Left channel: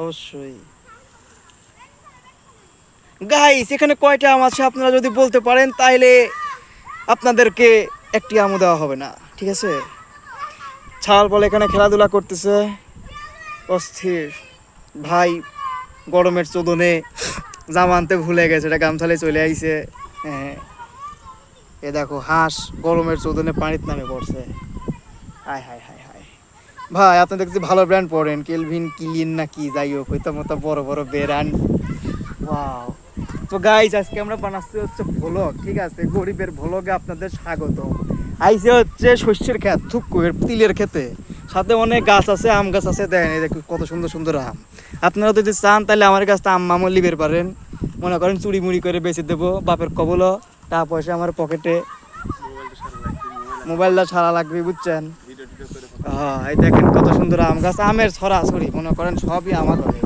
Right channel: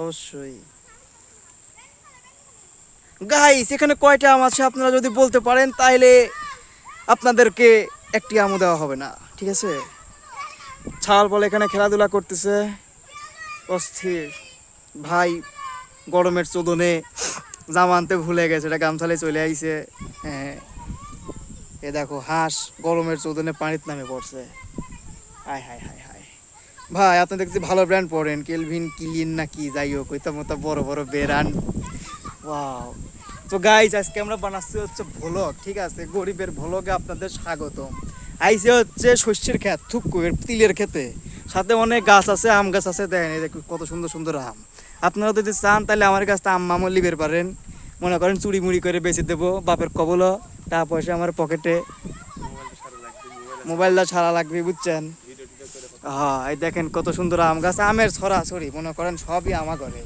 অবশ্যই। গাইস এখানে কয়টা আম আছে আপনারা যদি বলতে পারেন তাইলে আপনাদেরকে একটি আমও দেওয়া হবে না, ঠিক আছে? ছাল বলে এখানে খেলাধুলা করতেছে অস্থির। ভাই গরমের চোদনে জামা আনতে ভুলে গেছে, এটা গামছালে চলে আইছে। হ্যাঁ, এ দেখো হাঁস গরমের চোদনে পানিতে নামে পড়ছে। হায় হায় হায় হায়। ভাই আপনি দেখছি ভালো ব্র্যান্ড পড়েন, কেলভিন ক্লিন না কি যাই হোক, ওইটা মতো বড় বড় ব্র্যান্ড। ওয়াও। তো গাইস আজকে আমরা বানাচ্ছি হচ্ছে ভ্লগ, ঠিক আছে? গরিবের ভ্লগে আপনাদের স্বাগত। আইসে হচ্ছে শস্যের ক্ষেত, থুক্কুয়ের তিলের ক্ষেতে, সাথে অনেক গাছ আছে, আম গাছ আছে। দেখেন এটা কত সুন্দর সুন্দর আম। আপনারা যদি চান তাহলে আমার কাছে আম আমও লিবের পারেন। মনে করেন চুরি মুড়ি করে বেঁচে দেবো, বাপের কবল টাকা পয়সা আমার পকেটে, মোবাইলটা ছাড়া লাগবে, বুঝছেন? হ্যাঁ, এই দেখেন কত সুন্দর আম গাছ, আমের ছড়াছড়ি, মনে করেন সবই আমার ঘরে।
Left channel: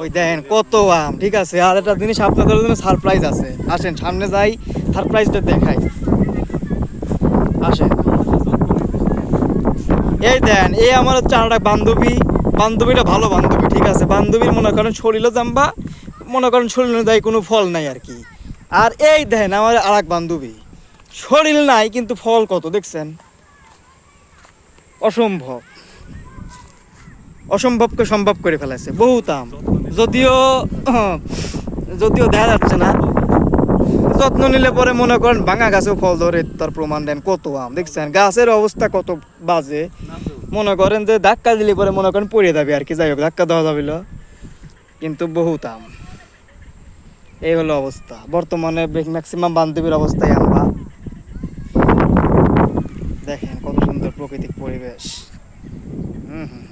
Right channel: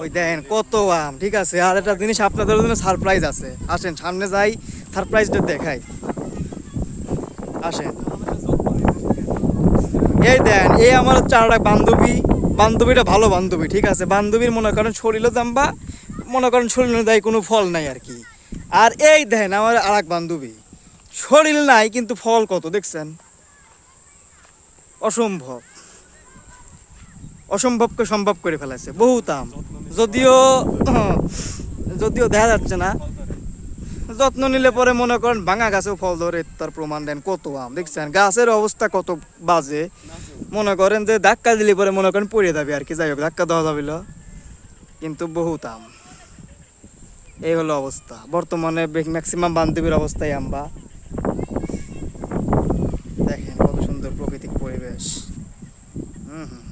ওই দেখেন কত আম, ঠিক আছে? আর একটা জিনিস আপনাদের জন্য সারপ্রাইজ আছে, আসেন সামনে যাই, সারপ্রাইজটা দেখাই, আসেন। এই দেন, এই আমার হচ্ছে আর এক বান্ধবী, বান্ধবীটা ভালো বান্ধবী, ঠিক আছে? বান্ধবীর মনে করেন শরীরও জাম্বা, মনে করেন শরীর অনুযায়ী কোনো ফল নাই আর কি। আর এই দেন আমার আর এক বান্ধবী, শরীর নাই কিন্তু ফল কত দেখছেন, অসম্ভব, অসম্ভবকে সম্ভব করে ফেলেছে, বহুত আম। যদিও যদিও দেখা যাচ্ছে না, যত্ন নিলে পরে মনে করেন ভাঙা গাছেও ফল ধরে, তার প্রমাণ দেন। কত আম দেখছেন, গাছের অবস্থা কত বাজে, মনে করেন যে ধাক্কা দিলে পরে মনে করেন পড়ে যাবে আর কি। যাই হোক, ধাক্কা দেওয়া যাবে না, কিন্তু বহুত আম। এই হলো অবস্থা বর্তমানে, ম্যাক্সিমাম বান্ধবীর অবস্থায় আমরা দেখেন কত সুন্দর প্রাকৃতিক পরিবেশ। হুম হুম।